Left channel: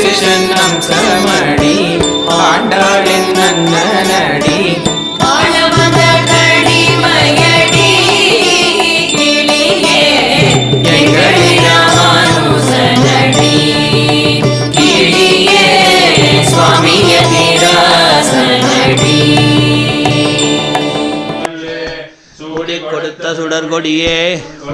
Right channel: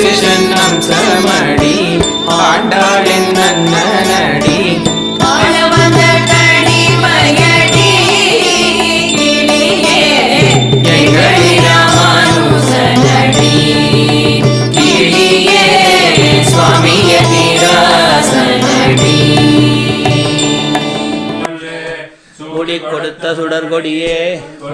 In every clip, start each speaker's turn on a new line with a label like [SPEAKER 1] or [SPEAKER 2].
[SPEAKER 1] சிஷன்னம் சமடி ஆண்டாளின் நன்னடி
[SPEAKER 2] ஆனவந்த கடிமயடி கிளியே எங்களி ராமானுசனடி. கிளியே சுவாமிய நிராசனடி.
[SPEAKER 3] சூடி கொடுத்த சுடர்கொடியே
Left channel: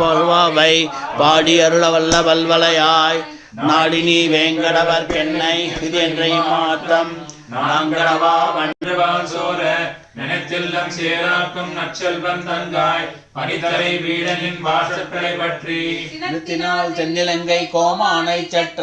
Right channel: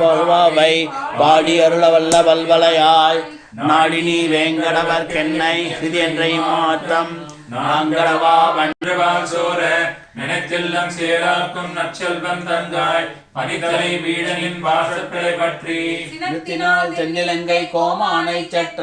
[SPEAKER 3] பருவாவை பாடி அருள வல்ல வல்வலையாய். நாடினி வேங்கடவர் கென்னை இது என்ற மாற்றம் நாங்கடவா
[SPEAKER 4] அன்றுவால் சோர நினைத்தெல்லாம் சேராக்கும் நற்செல்வம் தங்காய் பனித்தலை வீடனின் வாசற்களை பற்றி.
[SPEAKER 3] நிறுத்தினால் தென்னிலங்கை கோமானை சற்ற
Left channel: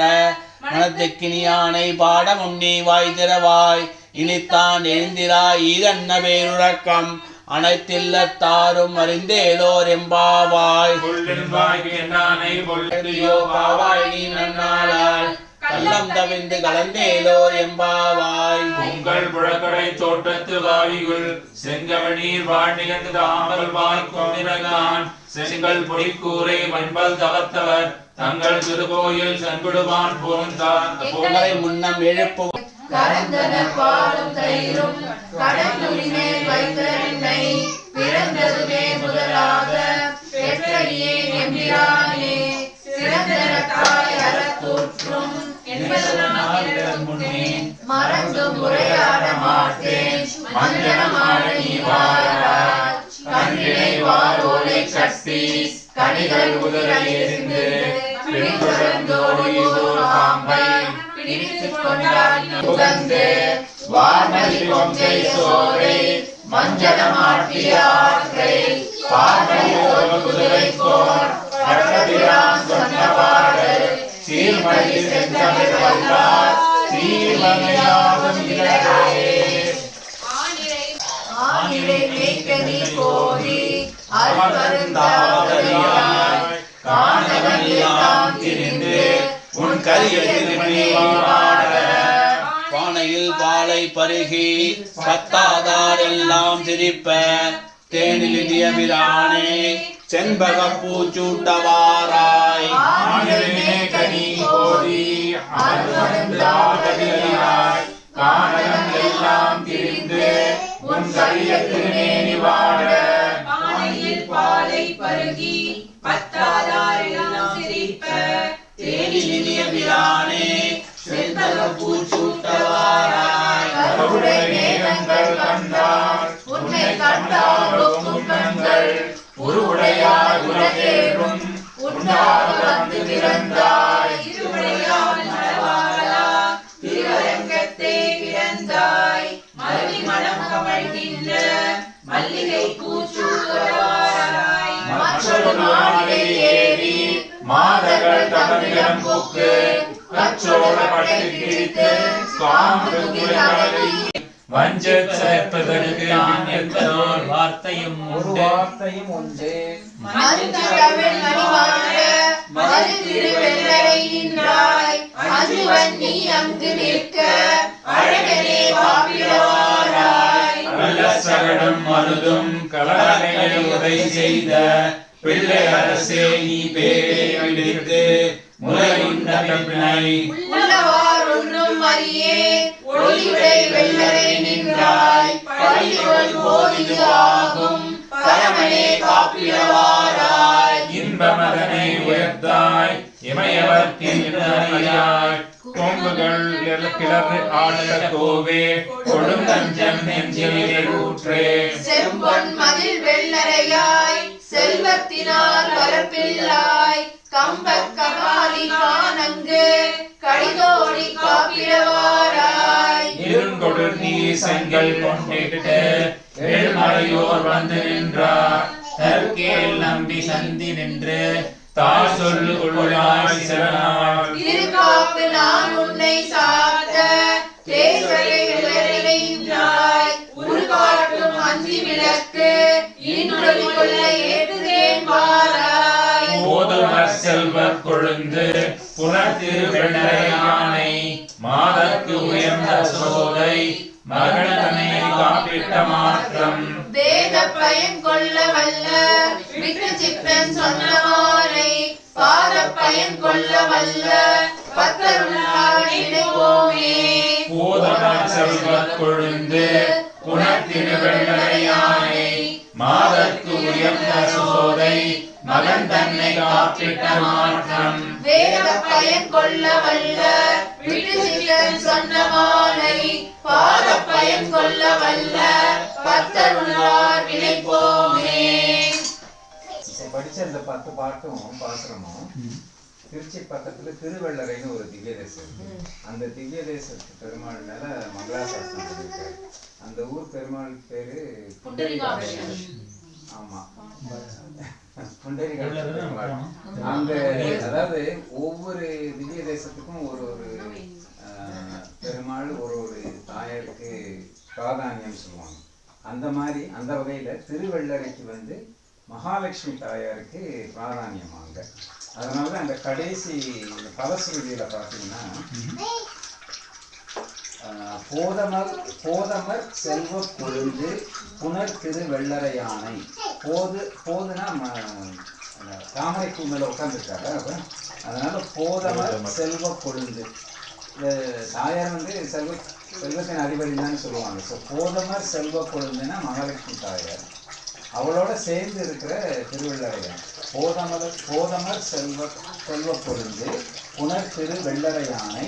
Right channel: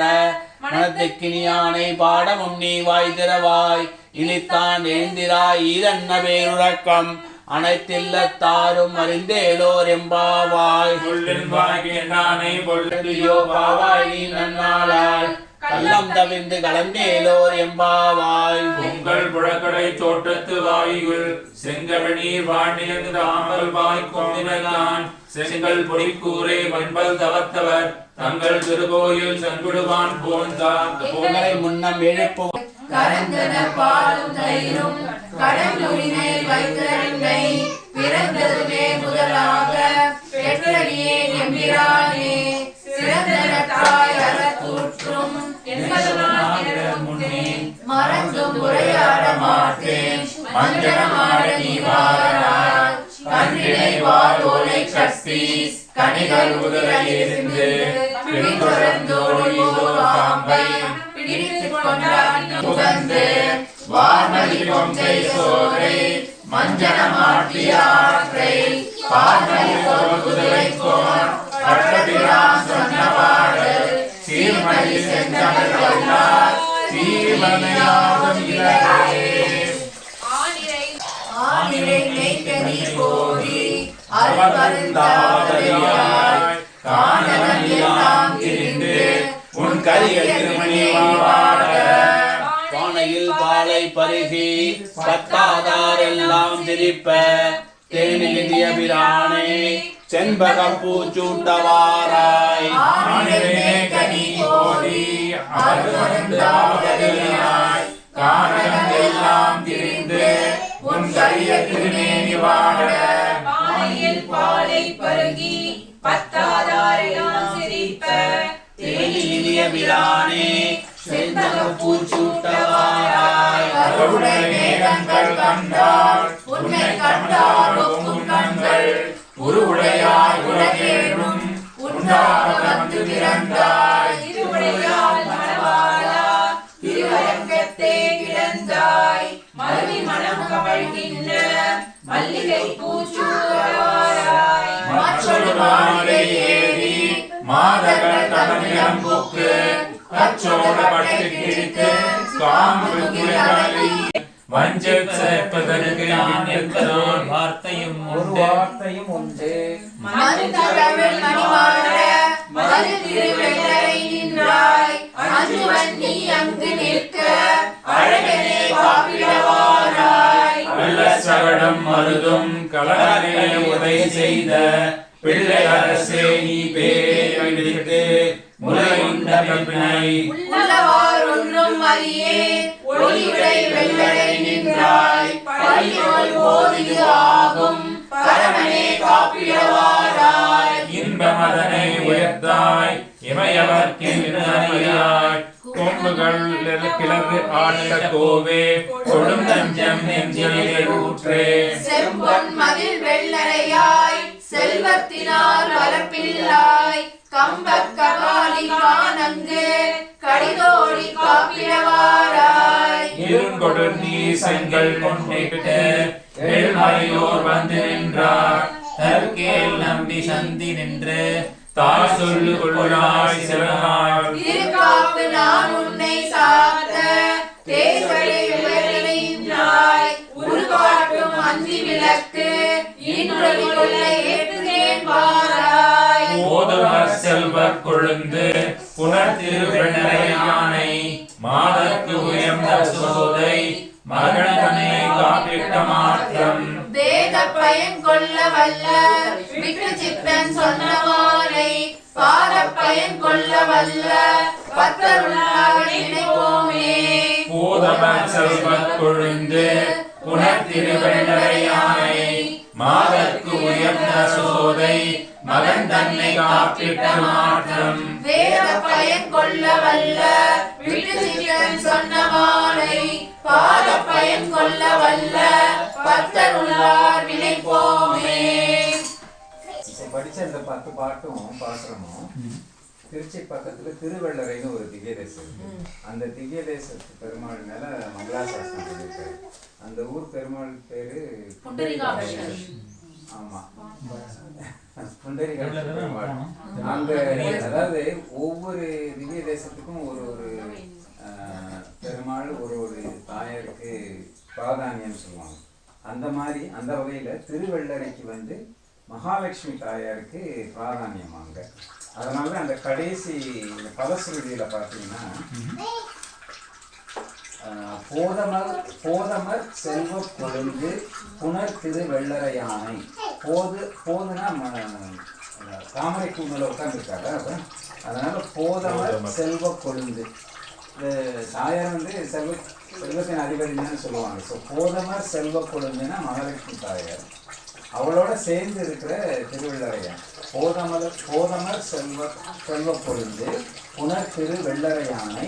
[SPEAKER 3] மனத்துக்கினியானை பாட முன்னி வாய் திறவாய் இனித்தான் எழுந்திராய் இதன்ன பேருறக்கம். அனைத்தில்லத்தாரும் அறிந்தேலோர் எம்பாவாய்
[SPEAKER 4] புல்லின் வாய்க்கு என்னானை பொருள்.
[SPEAKER 3] ஐயோ பாவாய் நீ நன்னாளால் கள்ளம் தவிர்ந்து கலந்தேலோர் எம்பாவாய்
[SPEAKER 4] உங்கள் புழக்கடை தோட்டத்து வாயுள் செங்கமநீர் வாழ்நிலந்து தாமல் வாய் கொண்டினகான் செங்கல் பொடிக்கூரை வன்பல் தவத்தவர் தங்கள் திருக்கோயில் சங்குடுவான் போந்தான்
[SPEAKER 3] புகழை முன்னம் எழுப்பு
[SPEAKER 2] கரந்தன பாலும் தயிரும் கடலுள் மேல் வைத்தருண்டை பிறந்ததுமே முதலாக பெற்றடியே எம்பிரானே சிறந்தன தாய் அறத்தூற்றும். முன்னே மறந்தும் உரையாட மாட்டேன். மஞ்சனமாட நீ வாராய். கண்ணினை வாரோலை சக்தி கனிகள் உதரை எரிந்து பிடித்தொடர்ந்தோடு ஓர் பாம்பை பிடித்துக் கொண்டான் உகந்து வார்மதி கொங்கை சோலை மஞ்சனமாட்டிய ஆற்றை ஒரு குதிரை கோன் பட்டதிரான் சொன்ன பாடு சீர்மதி செஞ்சமையார் சீர்மதியாகும் இலகே ஆனிரை கோரி காணவன் எல்லாம் திரிந்து
[SPEAKER 3] உன் கரிய பாலை பருகி கத்தாதார் எல்லாம் சிரிப்ப. தேனிலிய பிரானே செண்பக பூச்சூட்டவாராய்.
[SPEAKER 4] கனி கோடி காரணம் எல்லாம் திரிந்து உன் கரிய திருமேனி வாட
[SPEAKER 2] பானையில் பாலை பருகி பத்தாதாரெல்லாம் சிரிப்ப.
[SPEAKER 3] தேனிலிய பிரானே பூச்சூட்டவாராய்
[SPEAKER 4] கருடை மேகங்கள் கண்டார் உன்னை கண்டாரும் உன்னங்கள் உருவுடையாய் உலகேழும் உண்டாக வந்து பிறந்தாய்
[SPEAKER 2] மணவாளா பிறந்தாய் மனம் கவழ்கின்ற மல்லிகை
[SPEAKER 4] மற்றொரு மாலை ஏறி மாதர்கள் தமிழம் போக்கு. பட்டு கிழித்து காம்பு கிளை வஞ்ச சேர்ப்பதற்கு நான் என்பதோர் வார்த்தையும் உண்டு.
[SPEAKER 2] மருந்தகவல் மணிமாட மது திருவெள்ளரை நின்றாய். அஞ்சுவன் நீ அங்கு நிற்க அழகனே காப்பிடவாராய்
[SPEAKER 4] நல்ல சகடம் மருதும் கலரமையை உதை செய்த பிள்ளை அரசே நீ பேரை அடித்து முலை உண்ட பெண்ணை
[SPEAKER 2] உள்ளவார் ஒன்றும் அறியே ஒளியுடை வெள்ளரை நின்றாய் பள்ளிகள் ஓதிது ஆகும் பரமனே காப்பிடவாராய்.
[SPEAKER 4] இன்ப மகனை உயர்த்தாய் இமையவர்க்கென்றறியாய் கொம்புகள் கிளறு ஆழ்ந்த கோவே கொழுந்தஞ்சம் நெஞ்சிலே ஊற்றே.
[SPEAKER 2] செம்பொன் மதில் வெள்ளரையாய் செல்வத்தினால் வளர்ப்பில்லாய் கம்பக் கபாலி கானங்கு கடிதோடி காப்பிடவாராய்.
[SPEAKER 4] நீ செங்கல் கொண்டிட்டு எழுமலையோர் வந்து நின்றார். தற்கேல் நம்பி சந்தி நின்று தாய் சொல்லு கொள்ளாய் சிறனாய்
[SPEAKER 2] திருக்காப்பு நான் உன்னை சாத்த தேசலை உயர்நிலையாய் உருகாட்டும் அஞ்சி விளக்கு இன்றொலி கொள்ள ஏற்றுகிறேன் பாராய்
[SPEAKER 4] போதுவர் செல்வக் கொழுந்து புனர் திருவெண்ணரையானை மாதற்கு உயர்ந்த சோதை மகனனை காப்பிட்ட மாற்றம்.
[SPEAKER 2] வேத பயன் கொள்ள வல்ல விட்டு சித்தன் சொன்ன மாலை பாத பயன் கொள்ள வல்ல நினைப்போமே.
[SPEAKER 4] போதவன் செல்வக் கொழுந்து புனத்திருவெள்ளரையானை மாதற்கு உயர்ந்த சோதை மகன் தன்னை காப்பிட்ட மாற்றம்.
[SPEAKER 2] வேத பயன் கொள்ள வல்ல விட்டு சித்தன் சொன்ன மாலை. பாத பயன் கொள்ள வல்ல பத்தருளார் நினைப்போமே.
[SPEAKER 5] படிச்ச இந்த பத்து பாட்டும் பாசுரமும் திருச்சி பக்கத்துல திருவள்ளரைன்னு ஒரு திவ்ய தேசம் இருக்கு. அந்த திவ்ய தேசத்து பெருமாள் மேல மங்களாசாசனம் அந்த ஊர் பெருமாள் பேரு அந்த அதாவது ஒவ்வொரு திவ்ய தேசத்துக்கும் ஒரு ஒரு பெருமாள் ஒரு ஒரு தாயாருக்கு பிராதானியம் சொல்லுவாங்க. அந்த மாதிரி அந்த வகையில திருவள்ளரைக்கு வந்து மகாலட்சுமி தாயாருக்கு பிராதானியம் அங்க அதனால அந்த கடைசி இந்த பலஸ்ருதியில பார்த்தீங்கன்னா போதமர் போதமர் செல்வ கொழுந்து புனர் திரு வெள்ளரை யானை போது போதுனா தாமரை பூ மேல உட்காந்துருக்காரு அப்ப அதனால போதமர் செல்வ கொழுந்து. தாயார் வந்து செல்வ செல்வத்தின் அதிபதினு தான் சொல்லுவாங்க. ஸோ போதமர் செல்வ கொழுந்துன்னா மகாலட்சுமி தாயார். அவளோட சேர்ந்து இருக்கிற திருவள்ளரையான். போதமர் போதமர் செல்வ செல்வ பொழுது புனர் திரு வெள்ளரையானை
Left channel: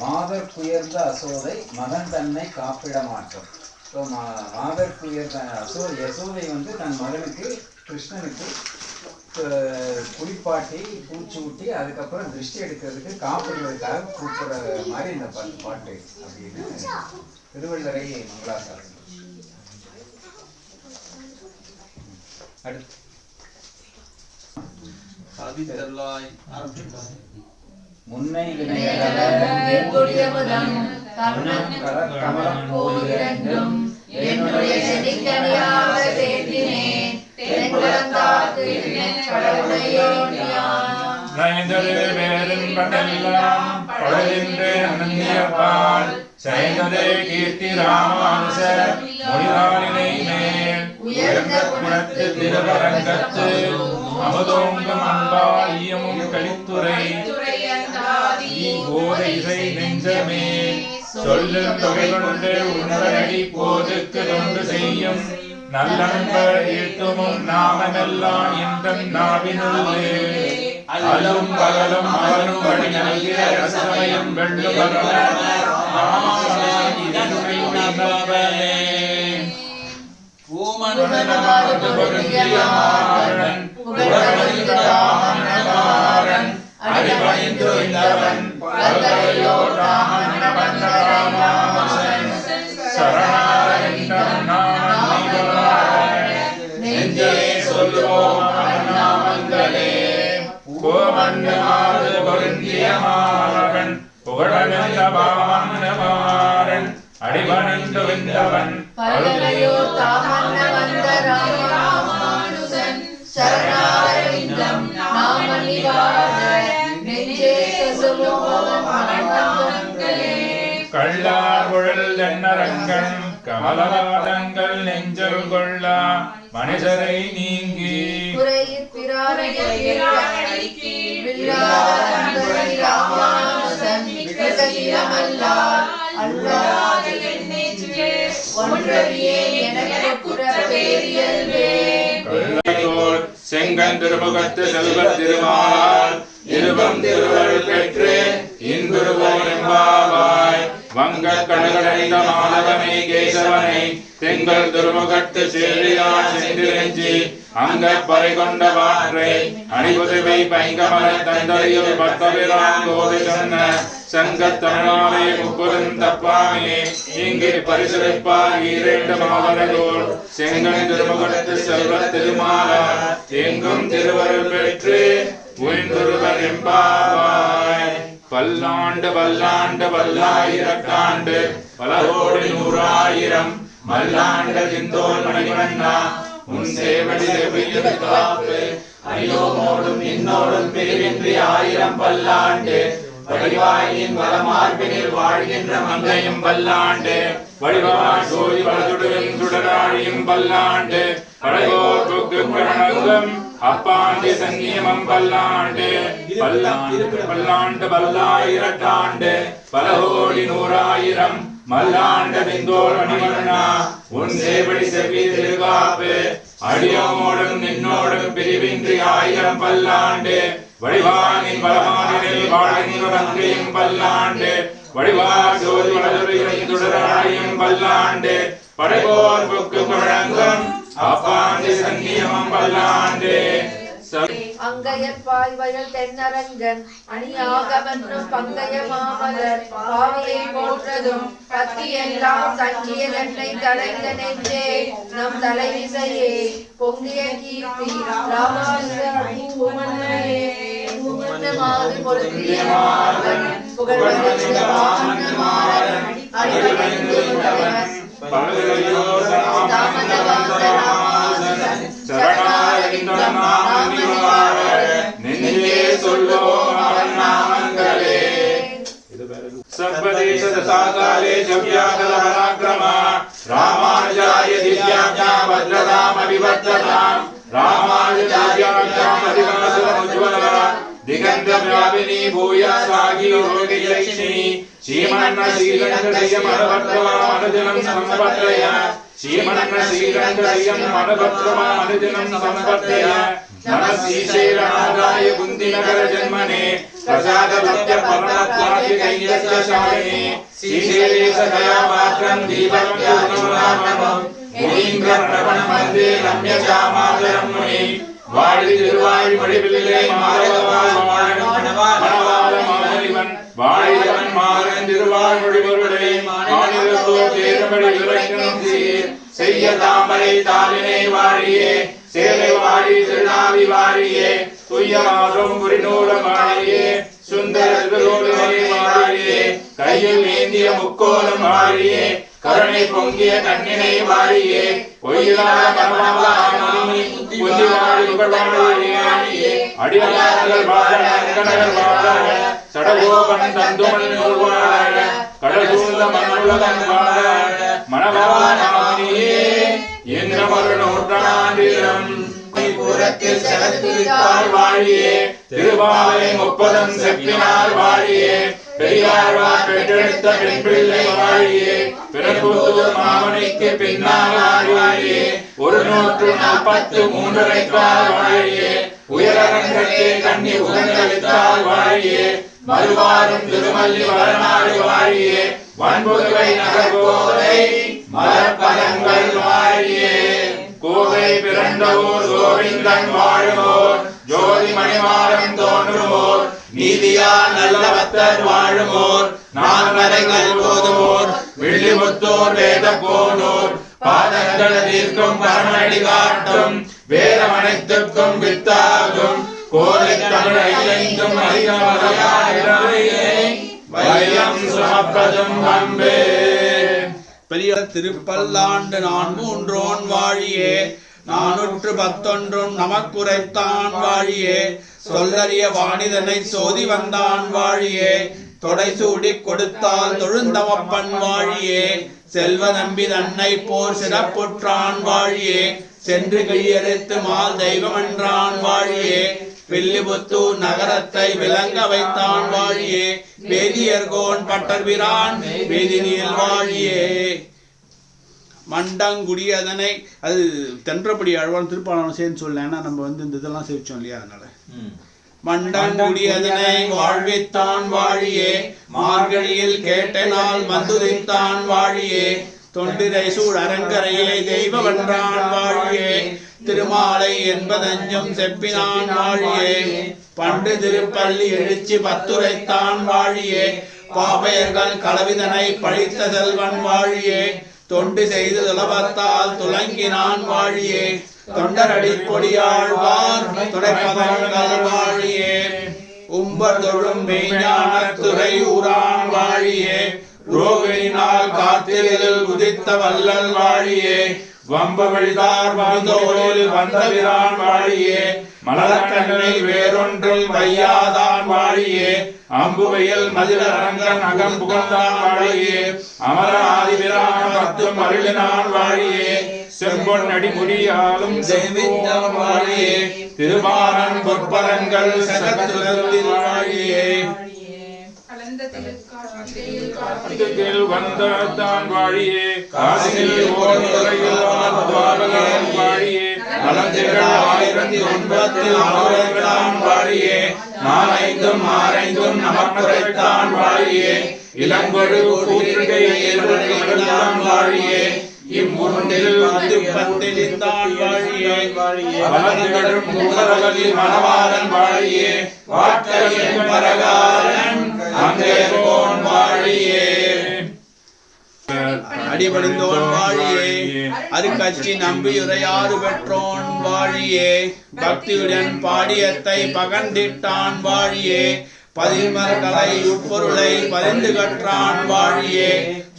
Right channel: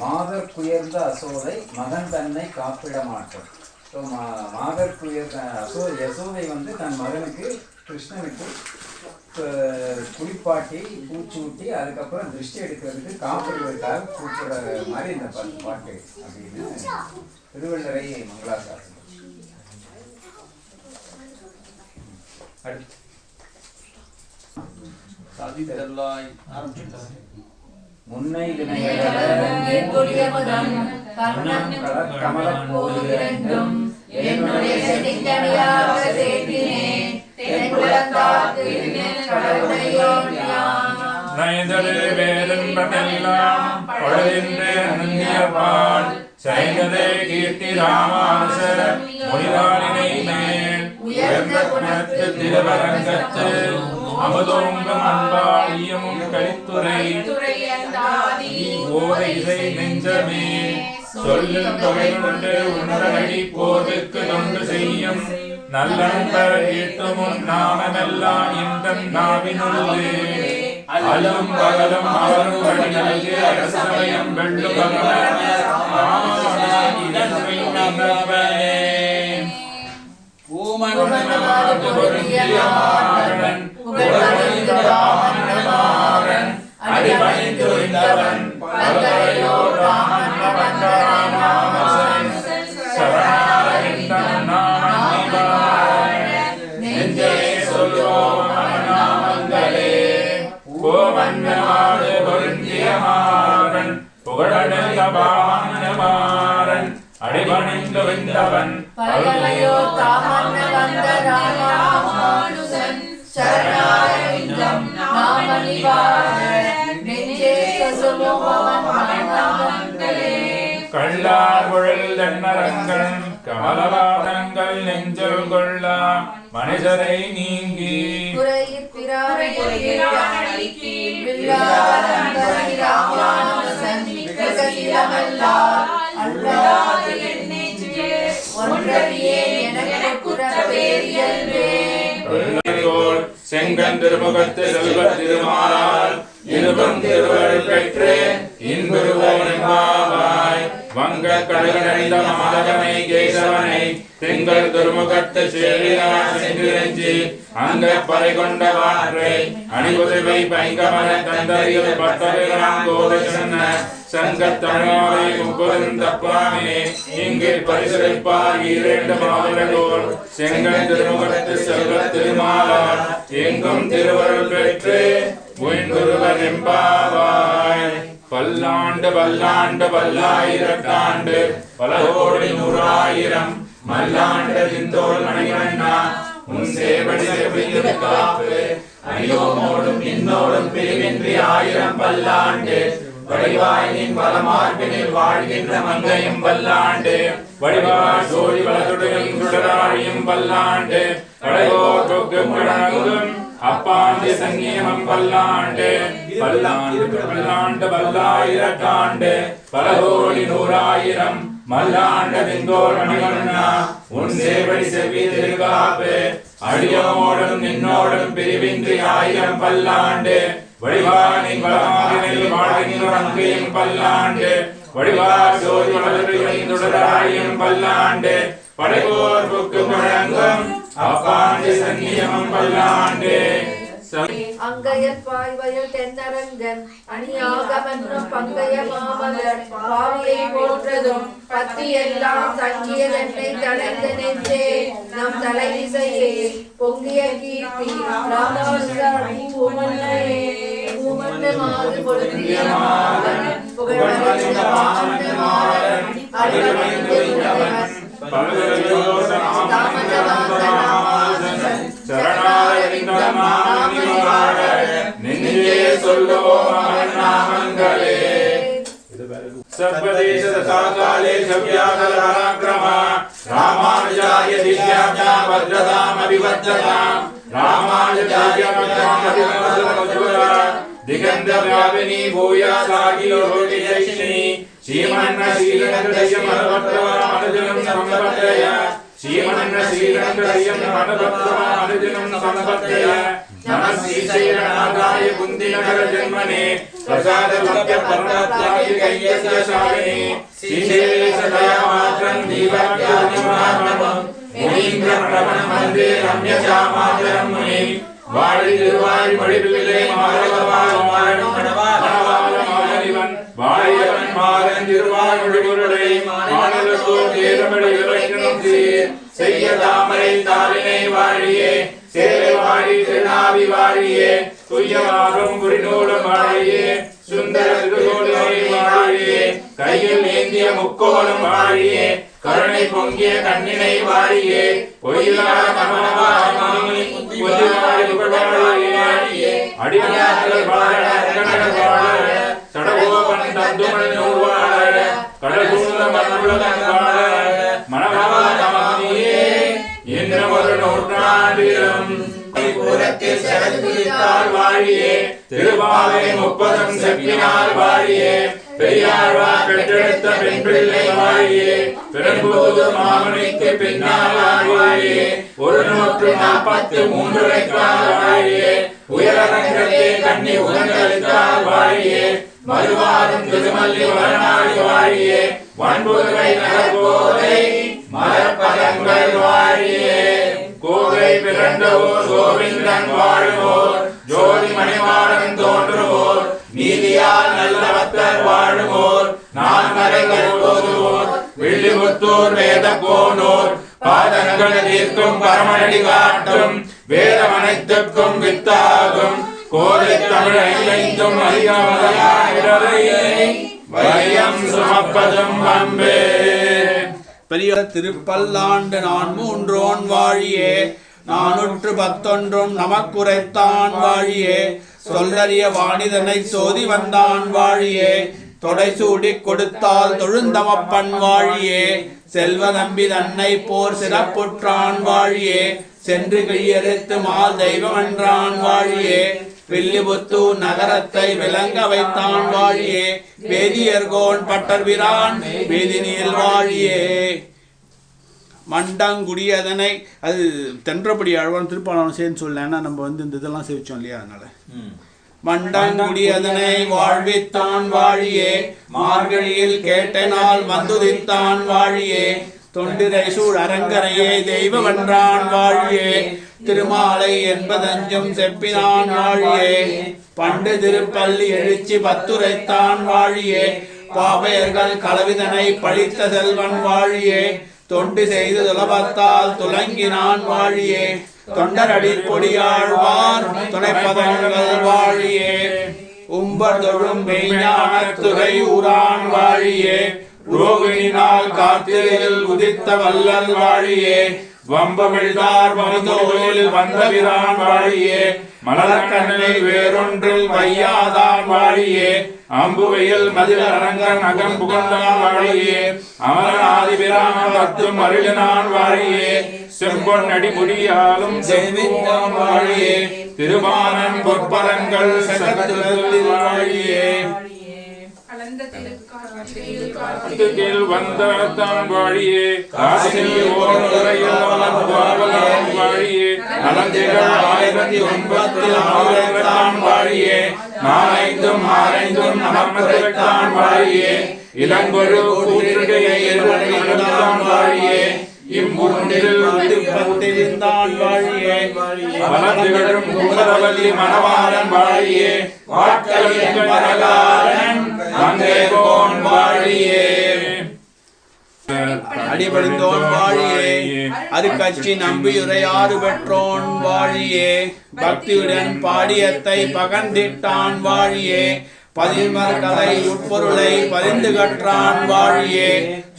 [SPEAKER 5] மாதர் குயர்ந்த அசோதை மகன் தன்னை காப்பிட மாட்டோம் ஸோ மா மாதர் குயர்ந்த அசோ யசோதை வந்து தன் மகனுக்கு கிருஷ்ணனுக்கு குளிப்பாட்டி பூச்சூட்டி அதுக்கப்புறம் திருஷ்டி எடுக்கிறதுக்கு காப்பிடுவதற்காக கூப்பிடுற மாதிரி இந்த பாட்டு பாட்டு அப்படின்னு திருவள்ளரை மங்களாசாசனம் அடுத்து.
[SPEAKER 3] சாதித்தருளாய் ஆரம்பிச்சுட்டார்.
[SPEAKER 5] முன்னை
[SPEAKER 2] போதிரண்டும் என்னுடைய செடிக்கனியாக சேர்த்தினேன்
[SPEAKER 4] செய்ததே கீர்த்தி ராமானுச மொழிதாரினை மேல் உயர்ந்த குணத்து திருவரங்கத்து அமுதோங்கும் அன்பால் ஈயமும் கழித்துரை ஓதை நெஞ்சமே. சொல்லு தொகை கொண்டு உன்னதடி போதுக்கு தொண்டு செய்யும். நல்ல ஈட்டுமும் நாமமெல்லாம் இந்த நாவினுள்ளே. அலும் பகலும் அவரும் வழி அரசமயம் வெள்ளும்
[SPEAKER 2] அடிபணிந்து இந்தவன் பல்கலையோ ராமன் வந்த ராமானுசன்
[SPEAKER 4] நெஞ்சே சொல்லுவோம் அவன் நாமங்களே கோமண்டமாடு பொருந்திய மாறன் புகழமெல்ல பாமனமாறன் அடிபணிந்து விந்தவன்
[SPEAKER 2] பல்கலையோ தாமன்ன வந்த ராமானுசன் சரணாரவிந்தம் நாம நிவாத
[SPEAKER 4] கள்ளார் குழல் தன்னரங்கன் கமலவாதங்கள் நெஞ்சல் கொள்ளா மனிதரை நீங்கி. செங்கன் திருமுகத்து செல்வத் திருமாலால் இருவம் திருவருள் பெற்று. இன்புருவோன் எம்பாவாய் வங்க கடகடைந்த மாதவனை கேசவனை திங்கள் திருமுகத்து சேரியார் சென்றிரஞ்சி அங்க பறை கொண்ட வாற்றை அணிபுதவை பைங்கமல தந்தரியில் பத்தவிரான் கோதை சொன்ன சங்க தமிழாலே முப்பதும் தப்பாமே இங்கே பரிசளிப்பார் இரண்டு மாவரகோர் செங்கல் திருமுகத்து செல்வ திருமாலார் எங்கும் திருவருள் பெற்று உயிர்ந்துருவர் எம்பாவார். பல்லாண்டு பல்லாண்டு பல்லாயிரத்தாண்டு பல கோடி நூறாயிரம். மல்லாண்டு இந்தோல் மணிவண்ணா. உன் சேவடி செவியில் காப்பு. அணியோமோடும் இன்னோடும் பிரிவின்றி ஆயிரம் பல்லாண்டு. வடிவாயின் வலமார்பினில் வாழ்கின்ற மங்கையும் பல்லாண்டு வடிவாய் சோழி வளதுடன் சுடராழியும் பல்லாண்டு படையோ தொக்கு கிரணங்கும் அப்பாண்டு சங்கியமம் பல்லாண்டு. பல்லாண்டு பல்லாண்டு பல்லாயிரத்தாண்டு பல கோடி நூறாயிரம் மல்லாண்ட நின்றோர் மணிவண்ணா உன் சேவடி செவ்வி திருகாப்பு. அடியோடும் நின்னோடும் பிரிவின்றி ஆயிரம் பல்லாண்டு. வடிவானின் பலமாதிரில் வாழ்கின்ற அங்கையும் பல்லாண்டு. வடிவா ஜோதி வளர்வையும் தொடராயும் பல்லாண்டு. படைபோர் புக்கு அப்பாண்டு சன்னியமம் பல்லாண்டு
[SPEAKER 2] அங்கையற்பாய் வயல் தென்னரங்கன் அணியாகமன்றும் பங்கைய மாமலர் பாவையை போற்றதும் பத்தி எல்லாம் தங்கிய தன்னை தலைந்த நெஞ்சே. நம் தலைவிசையே பொங்கிய கீர்த்தி ராமானுஜா பொருந்திய மாறன் உண்டவன்
[SPEAKER 4] நெஞ்சே சொல்வோம் அவன் दिव्याख्या वज्रताम अभिवज्रताम् रामानुज दिव्याख्याम् अधिवासरमुज्ज्वला दिगन्ध व्यापिनी भूयस्वागी योगियैषिणी श्रीमन्न श्रीरङ्गदयम् अनुभद्रवाम् अनुदिनं सम्पद्रय श्रीमन्न श्रीरङ्गदयम् अनुभद्रवाम् अनुदिनं सम्पद्रय नमः श्रीशैलनागाय कुन्दिनगर जन्मने प्रसाद लभ्य परमत्वादिकैयस्य शालिने श्रीशेष दया मात्रं दीपपूर्णमानम् முனீந்திரமணவன் வந்தே ரம்ய சாமாதரம் முனி வாழி திருவாழ் மடிபிள்ளை மாதவவாள் வாழிவன் மாறன் திருவாழ் மொழிபொருளை மாநிலத்தோ செய்ய தாமரை தாரினை வாழியே சேலை வாழி திருநாவி வாழியே துய்யமாகும் புரிநூலம் வாழியே சுந்தர கையில் ஏந்திய முக்கோலம் வாழியே கருணை பொங்கிய கண்ணினை வாழியே பொய்யிலாத அடியார்கள் வாழ நற்கணர்கள் வாழ சடகோபன் தந்துமன் நூல் வாழ கடசூழ்ந்த மண்ணுலகன் வாழ மணவாள மாமணியே என்னும் ஒரு நூற்றாண்டிலும் புறத்தில் செலுத்தித்தாள் வாழியே திருவாலை முப்பதம் செப்பினார் வாழியே பெரியாழ்வார் பெற்றெடுத்த பெண் பிள்ளை வாழியே பெரும்புதூர் மாமனிக்கு பின்னால் வாழியே ஒரு நூற்று நாற்பத்து மூன்றரைக்கால் வாழியே உயரங்கட்டே கண்ணி உகந்தளித்தால் வாழியே மறுவாரும் திருமல்லி வளநாடு வாழியே வன்புதுவை நகர்கோதை மரப்பதங்கள் வாழியே கோவை பிறந்தவோர் கோவிந்தன் வாழ்வோர். ஜோதி மணிமாறன் தோன்றுவோர். நீதியால் நல்லவத்தர் வாழுமோர் வாழுவோர் நான்மறைகள் போதுவோர் வெள்ளிமுத்தோர் வேத போனோர் பாதங்கள் தீர்க்கும் பரமநடி காட்டும் வேதம் வித்தாகும் கோதை தமிழ் வையம் சுமப்பதும் அன்பே.
[SPEAKER 3] பெரிய திருப்பல்லாண்டு நான் மூன்றோன் வாழியே நானூற்று பத்தொன்றும் நமக்குரைத்தான் வாழியே சொல்லறிய வாணிதனை சோதி வந்தான் வாழியே. தொடை சூடி கொடுத்தால் தொழுந்தமப்பன் வாழியே. செல்வ நம்பி தன்னை போர் சிறப்புற்றான் வாழியே. சென்று கையெழுத்து மால் தெய்வம் என்றான் வாழியே. வில்லிபுத்தூர் நகரத்தை விளங்க வைத்தான் வாழியே. வேதியர்கோன் பட்டர்பிரான் வேதி நீர் வாழியே. மண்டங்குடியதனை அது தென்றபடி அழுவான் திருப்பாளன் சேர்ந்து சொல்லலைன்னா நம்ம வந்து இந்த இதெல்லாம் சேவிச்சோம் இல்லையா அதனால. மண்டங்குடி அதனை வாழ்வித்தான் வாழியே. மார்கழியில் கேட்டனால் மந்துதித்தான் வாழியே. தொண்டிரை சூழ் அரங்கரையே தெய்வமென்றான் வாழியே. திருமாலை என்பதஞ்சும் செப்பினான் வாழியே. பண்டு திருப்பள்ளி எழுச்சி பத்துரைத்தான் வாழியே. பாவையர்கள் கலவிதனை பழித்த செல்வன் வாழியே. தொண்டு செய்து துலபத்தால் துலங்கினான் வாழியே தொண்டர் அடிப்பொடியாழ்வார் துணைப்பதங்கள் வாழியே உம்பர் தொழும் மெய்ஞானத்துகை ஊரான் வாழியே
[SPEAKER 4] ரோகிணினால் கார்த்திகையில் உதித்த வல்லல் வாழியே வம்பவிழ்தார் வந்தோளில் வந்தவிரான் வாழியே மலரக்கண்ணில் வேறொன்றில் வையாதான் வாழியே அம்புவையில் மதிலரங்கன் அகன் புகழ்ந்தான் வாழியே அமரநாதிபிரான் பத்தும் அருளினான் வாழியே செம்பொன் அடிமுடியாலும் செய்வித்தான் வாழியே திருமாறன் பொற்பரங்கள் வாழியே. கார்த்திகையில் வந்த தாம் வாழியே காசினில் ஓரையான் வாழியே நலந்திகள் ஆயிரத்தி ஒன்பத்தில் ஆயிரத்தாம் வாழியே நாளைந்தும் ஆரைந்தும் வாழியே இளங்கொழு வாழியே இம்மூன்றில் வந்து பத்திருந்தான் வாழியே. வலதிகளும் மூலவல்லி மணவாளன் வாழியே. வாட்களின் பரகாரன் அங்கேகோன் வாழியே.
[SPEAKER 3] அடிபடிந்தோன் வாழியே. அது கட்சி நம்பியுரையாறு பெற்றோன் வாழியே. பக்தியுடன் பாடியத்தை பகண்டிட்டான் வாழியே. பதிமர்களை உட்பொருளை பரிந்து கற்றான் வாழியே.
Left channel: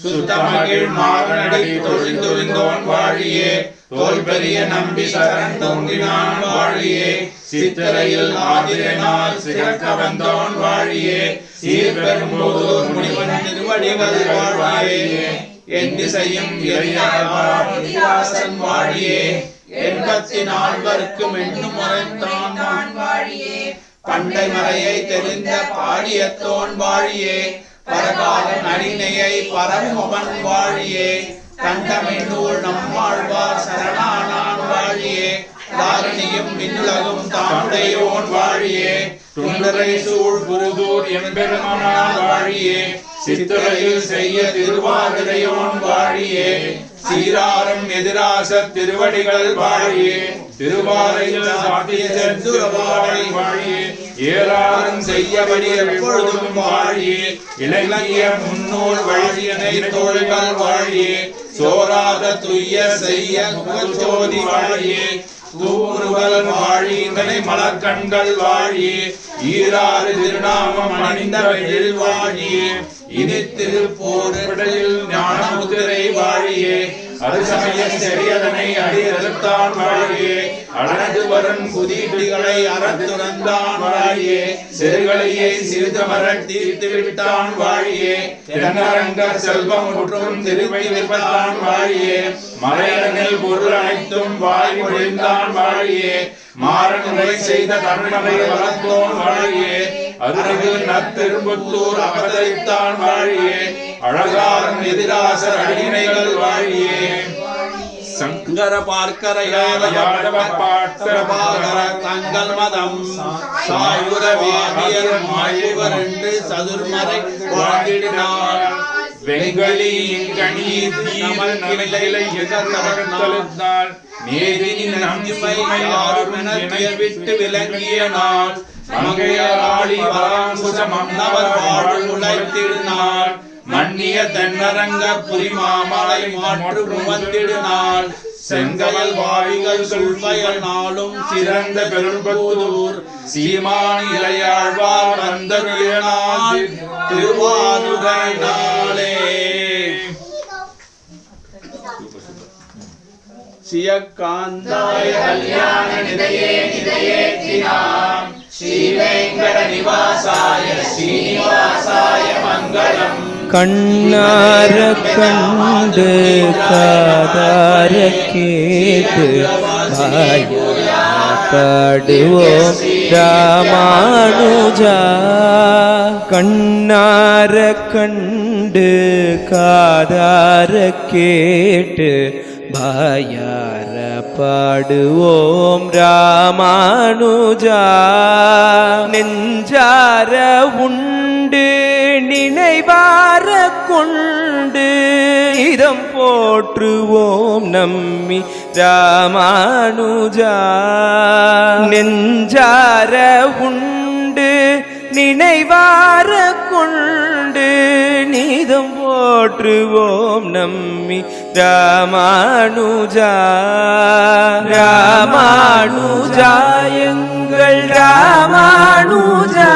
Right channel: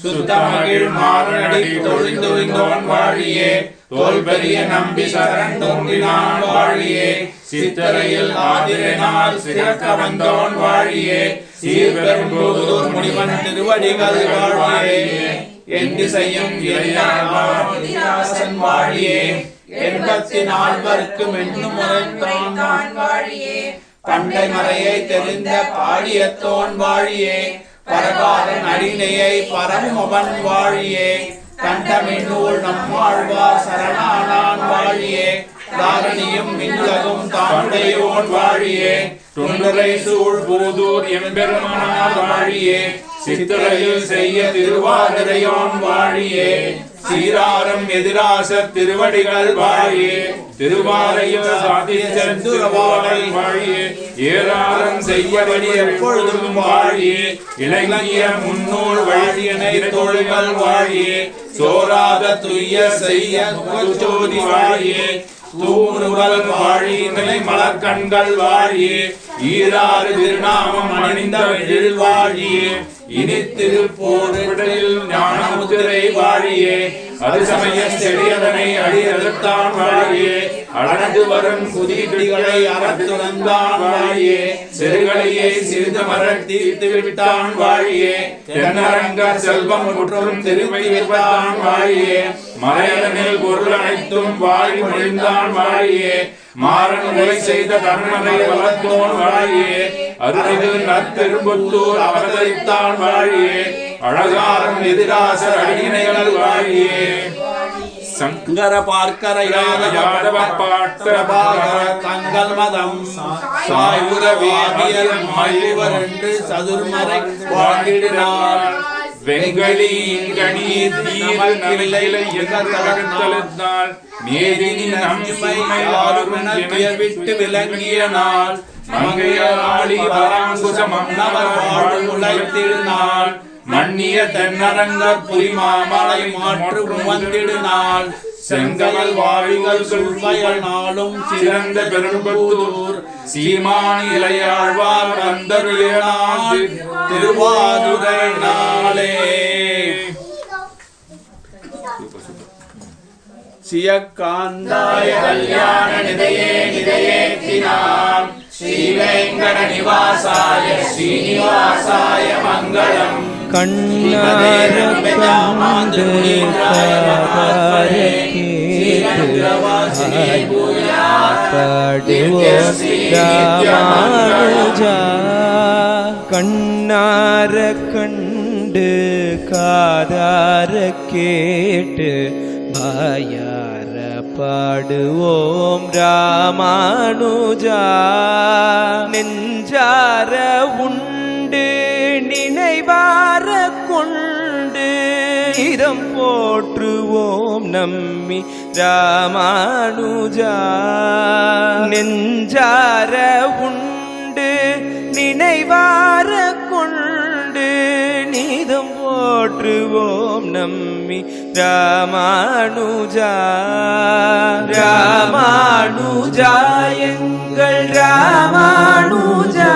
[SPEAKER 3] சுத்தமகிழ் மாறனடி தொழிந்தொழிந்தோன் வாழியே. தோல் பெரிய நம்பி சரண் தோன்றினான் வாழியே. சித்தரையில் ஆதிரனால் சிறக்க வந்தோன் வாழியே. சீர்பெரும்பூதூர் முனிவன் திருவடிகள் வாழியே என்று செய்யும் இறையாசன் வாழியே. எண்பத்தி நால்வருக்கும் எண்ணும் வாழியே. பண்டை மறையை தெரிந்த பாடியத்தோன் வாழியே பரகாலன் அடிநையை பரமுகன் வாழியே கண்டமின்னூல் நம்மாழ்வார் சரணானான் வாழியே தாரணியும் மின்னுலகும் தானுடையோன் வாழியே
[SPEAKER 4] துண்டரை சூழ் பூதூர் எம்பெருமானார் வாழியே சித்திரையில் செய்ய திருவாதிரையோன் வாழியே. சீராரம் எதிராச திருவடிகள் வாழியே. திருவாரையில் சாதி செந்துரவாழை வாழியே. ஏராளம் செய்யபடி எப்பொழுதும் வாழியே. இலங்கிய முன்னோர் வாழியனை தோள்கள் வாழியே. சோராத துய்ய செய்ய குலச்சோதி வாழியே. தூமுருகல் வாழினை மலர்கண்கள் வாழியே ஈராறு திருநாமம் அணிந்த வெயில் வாழியே இனி ஞான முதிரை வாழியே. அது சமய செடியதனை அடி அறுத்தான் வாழியே. அழகு வரும் குதிகளை அறத்துறந்தான் வாழியே. சிறுகளையை சிறிது மரத் தீர்த்து விட்டான் வாழியே. தென்னரங்க செல்வம் முற்றும் திரும்பி விட்டான் வாழியே. மலையடனில் பொருள் அனைத்தும் வாழி முடிந்தான் வாழியே. மாறன் செய்த கர்மனை வளர்த்தோன் வாழியே. அருகில் நற்பெரும்புத்தூர் அவதரித்தான் வாழியே. அழகாரம் எதிராசர் அடிமைகள் வாழியே.
[SPEAKER 3] சங்கர பார்க்கர யாதவ பாட்கர தங்கள் மதம் வேதியர் மாயுவர் என்று சதுர்மறை வாழ்ந்திடுனார்
[SPEAKER 4] வெங்கலி நன்மை
[SPEAKER 3] விட்டு விளங்கிய நாள்.
[SPEAKER 4] மங்கையராளி வராங்குச மன்னவர் வாழு
[SPEAKER 3] உழைத்திருநாள் மன்னிய தென்னரங்கர் புரிமாமலை மாற்று முவந்திடுநாள் செங்கயல் வாழ்கள் சொல்வயல் நாளும் சிறந்த பெரும்பூதூர். சீமானி இளையாழ்வார் வந்தருளினாள் திருவாருடை நாளே. சியக்காந்தாய கல்யாண நிதையே நிதையேத்தினாம் ஸ்ரீவேங்கட நிவாசாய ஸ்ரீனிவாசாய மங்களம்.
[SPEAKER 1] கண்ணார கண்டு காதார கேட்டு பாடுவோம் ராமானுஜா கண்ணார கண்டு காதார கேட்டு மாயார பாடுவோம் ராமானுஜா. நெஞ்சார உண்டு நினைவார கொண்டு. இதம் போற்றுவோம் நம்மி ராமானுஜா. நெஞ்சார உண்டு நினைவார கொண்டு. நீதம் போற்றுவோம் நம்மி ராமானுஜா ராமானுஜா எங்கள் ராமானுஜா